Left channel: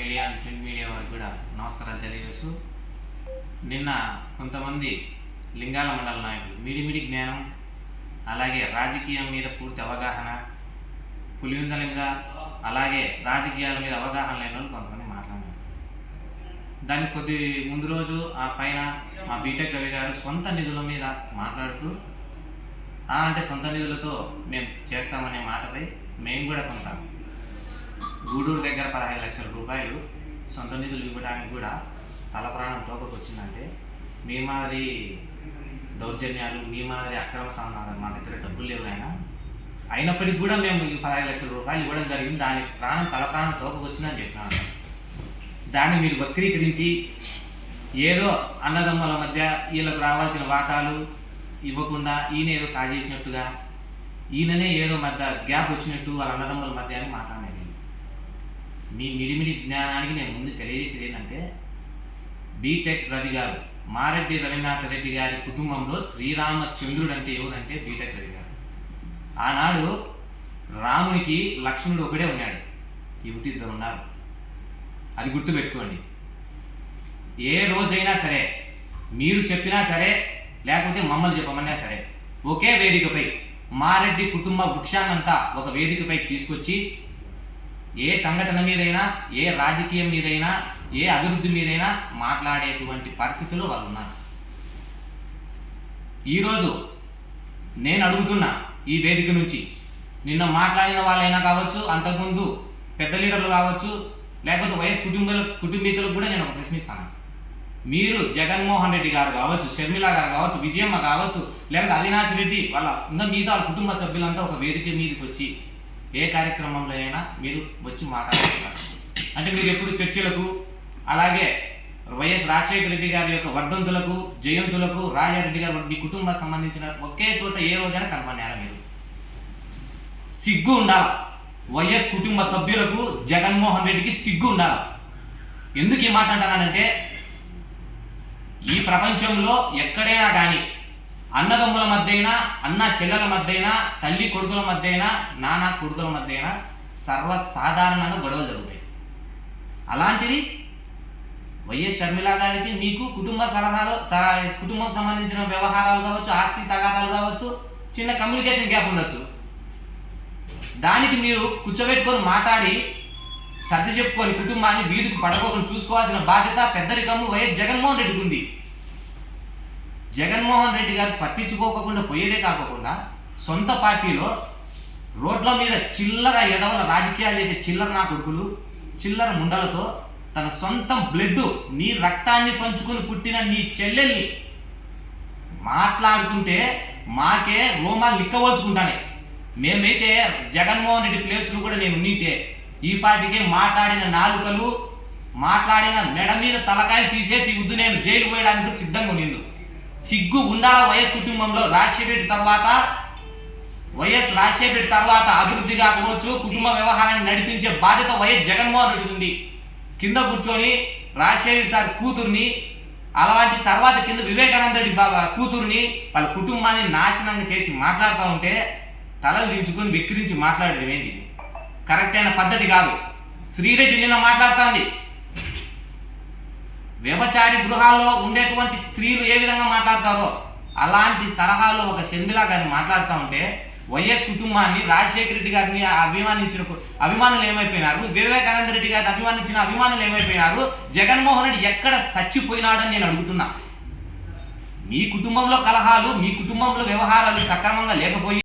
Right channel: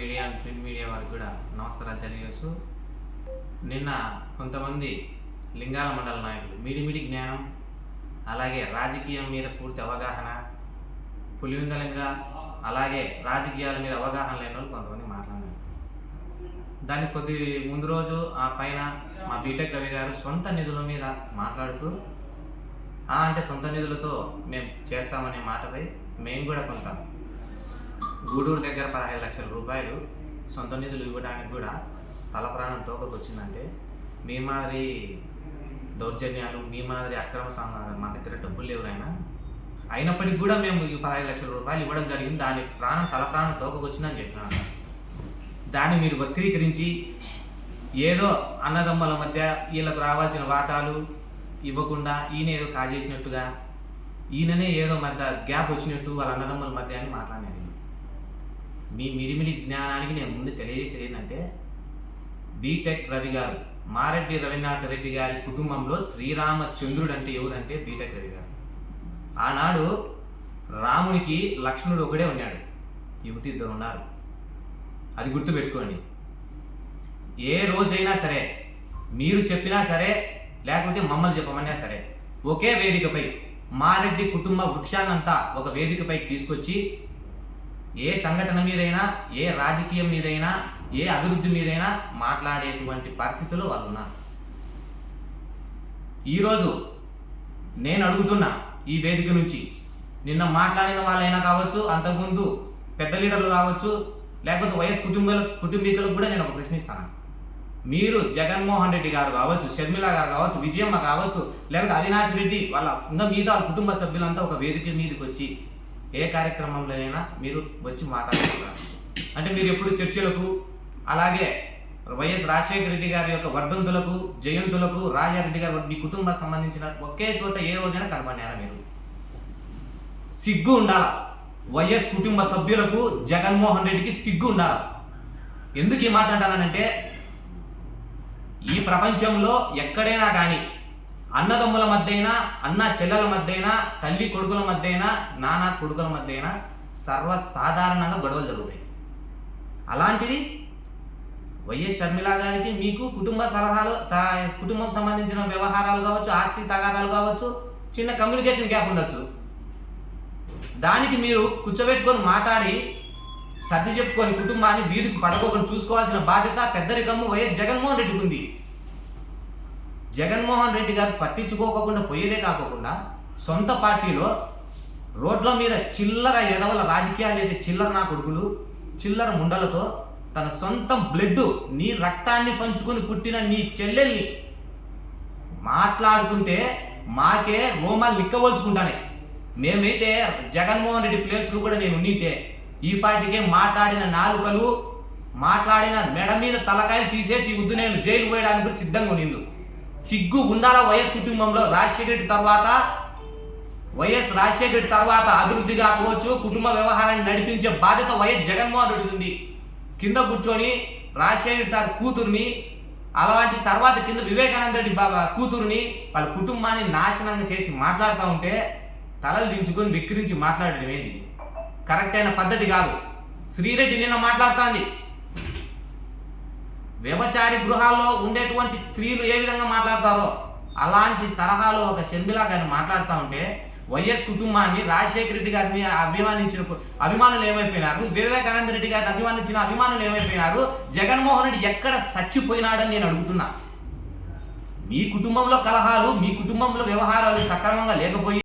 Media print media వారికి కూడా నమస్కారాలు తెలియజేస్తూ నిన్న కొంతమంది లింగాల మండల నాయకులు మిడిమిడి జ్ఞానం అలాగే రాజకీయం మీద పూర్తి అవగాహన పులివెందుల మీద అలాగే రాజకీయాల మీద అవగాహన లేని వాళ్ళు కొంతమంది మాట్లాడారు. దానికి కొద్ది ముందు రోజు ఆ పైన మా బీటెక్ రవి గారు సొంత నిధుల మీద మాట్లాడుతూ అంటే సొంత నిధులతో మేము చేస్తామనే మాటపై మేము కూడా కొంత గూడూరు దగ్గర 15 లక్షల రూపాయలు సొంత నిధులు ఇవ్వడానికి కూడా తల ప్రాణం తోకకొచ్చిందంటే మీ మాదిరి దౌర్జన్యాలు మీ మాదిరి అక్రమ సంఘాలు మా దగ్గర డబ్బులు లేవు అయినప్పటికీ కూడా మేము 15 లక్షల రూపాయలు ఇవ్వడం జరిగింది. దాని తల ప్రాణం తోకకొచ్చిందని చెప్పినాను. దాన్ని మీరు వక్రీకరించి ఏదో అన్నదమ్ముల మధ్య వీళ్ళకు రావాల్సిన వాటాలు ఇవ్వకుండా ఈయన ఏదో కాజేసినట్టుగా ఈయననే ఏదో మధ్య గ్యాప్ వచ్చినట్టు వాళ్ళ అన్నదమ్ముల మధ్య అని మాట్లాడినారు. మీ మిడిమిడి జ్ఞానానికి నేను ముందు తెలియజేసేది ఏంటంటే బీటెక్ రవి గారు మారెడ్డి రవీంద్రనాథ్ రెడ్డి గారి కుటుంబంలో శ్రీరామచంద్రుడు అంటే ఎవరంటే బీటెక్ రవి గారు. ఆనాడు రామునికి లక్ష్మణుడు ఒకడే ఉన్నాడు, యువతి ఇద్దరు ఉన్నారు. అది గుర్తుపెట్టుకోండి. ఏ రోజైనా సరే మీరు చెప్పినా సరే లేకపోతే మమ్మల్ని చెప్పమన్నా సరే ఒకే వేదికపై మారెడ్డి కుటుంబ వృక్షాన్నంతా ఒక వేదికపై తీసుకొచ్చి ఏ సంఘటన మీదైనా ఏ రాజకీయం మీదైనా ఏ అభివృద్ధి మీదైనా మాట్లాడేటువంటి పరిస్థితులు వాళ్ళు ఉన్నారు. ఈరోజు నేను అడుగుతున్నా ఈ వేదిక నుంచి నిన్న మాట్లాడిన వాళ్ళైనా కావచ్చు, అంతకుముందు పెద్ద లీడర్లు కావచ్చు, లేకపోతే వైఎస్ కుటుంబీకులకు కూడా నేను ఒక ప్రశ్నిస్తాను. మీరు జగన్మోహన్ రెడ్డి గారు కావచ్చు, షర్మిల గారు కావచ్చు, విజయమ్మ కావచ్చు, లేకపోతే అవినాష్ రెడ్డి వాళ్ళ ఇంకా మిగతా వాళ్ళ కుటుంబ సభ్యులంతా ఒక వేదిక మీదకి వచ్చి ఏ కార్యక్రమంలో అయినా మీరు వచ్చి మాట్లాడుతున్నారు అంటే మీరు ఎప్పుడు చర్చలకు అలాగే వైఎస్ రాజశేఖర రెడ్డి గారి యొక్క వర్ధంతులకు జయంతులకు రాజారెడ్డి గారు మీ కుటుంబం సంబంధించిన ఒకే చోట ఏ రోజైనా కనపడినారా? మీరు సిగ్గు ఉండాల. వైఎస్ కుటుంబ సభ్యులకు జగన్మోహన్ రెడ్డికి సిగ్గు ఉండాల. ఎందుకు ఈ మాట అంటానంటే ఈ ప్రపంచంలో ఎక్కడైనా కానీ అన్నదమ్ముల మధ్య అయినా అన్న చెల్లెల మధ్య అయినా తల్లి కొడుకుల మధ్య అయినా నాన్న కొడుకుల మధ్య అయినా సర్వసాధారణంగా గొడవలు జరుగుతాయి. అలాంటిది వైఎస్ షర్మిల గారికి మీకు కుటుంబం సంబంధించిన వ్యవహారాలు కావచ్చు, ఆస్తి తగాదాలు కావచ్చు, చిన్న కమ్యూనికేషన్ గ్యాప్ ఉండొచ్చు. దానికి మీరు కూర్చోబెట్టుకొని మాట్లాడి సర్ది చెప్పుకొని కుటుంబాన్ని వీధికి పడకోకుండా చూసుకోవాల్సిన బాధ్యత పెద్దరికము వైఎస్ జగన్మోహన్ రెడ్డికి ఉంది. జగన్మోహన్ రెడ్డి గారు పట్టించుకోకుండా పోయేదే కాకుండా సొంత పార్టీలో రోడ్ల మీద చిల్లర ఎదవల రాజకీయాలు చేసే చిల్లర నా కొడుకులు చిల్లర ముండలతో తన సొంత బ్లడ్ నీ రక్తాన్ని పంచుకొని పుట్టిన నీ చెల్లెల్ని మాట్లాడుతుంటే మాకే రోమాలు నిక్కవోల్చుకుంటానే. మేమైతే జగన్మోహన్ రెడ్డి ప్లేస్లు కూడా నేను ఉన్నింటే ఈ పార్టీకే మాట్లాడిన నాలుకలు మాట్లాడిన మెడ మీద తలకాయలు తీసేసి వద్దు నేను జైలు పోయడానికి కూడా సిద్ధంగా ఉన్నిందు. సిగ్గు ఉండాల. వైఎస్ కుటుంబంలో రాజశేఖర రెడ్డి తర్వాత అభివృద్ధి కాకపోవచ్చు, కుటుంబ వ్యవహారాన్ని నడిపించే బాధ్యత వైఎస్ జగన్మోహన్ రెడ్డి ఉంది. కింద కూర్చొని రాజశేఖర సార్ కూతుర్ని అలాంటి తర్వాత కింద వివేకానంద రెడ్డి బాబా కూతుర్ని వాళ్ళ కుటుంబాన్ని నాశనంగా చేసి మాట్లాడుతూ ఉంటే తలలు దించుకొని విక్రించి మాట్లాడడం ఏంది? కరెక్ట్ అయిన పద్ధతి కాదు. శ్రీరెడ్డి నిన్న మాట్లాడుతోంది వ్యభిచారి గృహాల్లో ఉండేటువంటి స్త్రీలు ఏ విధంగా మాట్లాడతారో అలాంటి తరహాలో ఒక షర్మిల గారిని మాట్లాడుతూ ఉంటే వైఎస్ కుటుంబాన్ని రాజశేఖర రెడ్డి గారిని అభిమానించిన అభిమానులు ఏమైపోయినారు, వివేకానంద రెడ్డి గారిని అభిమానించిన అభిమానులు ఏమైపోయినారు, జగన్మోహన్ రెడ్డి ఎక్కడ చచ్చిపోయినాడని నేను అడుగుతున్నా. మీ కుటుంబంలో కలహాలు మీ కుటుంబంలో వ్యవహారాలు సక్రమంగా లేకపోయి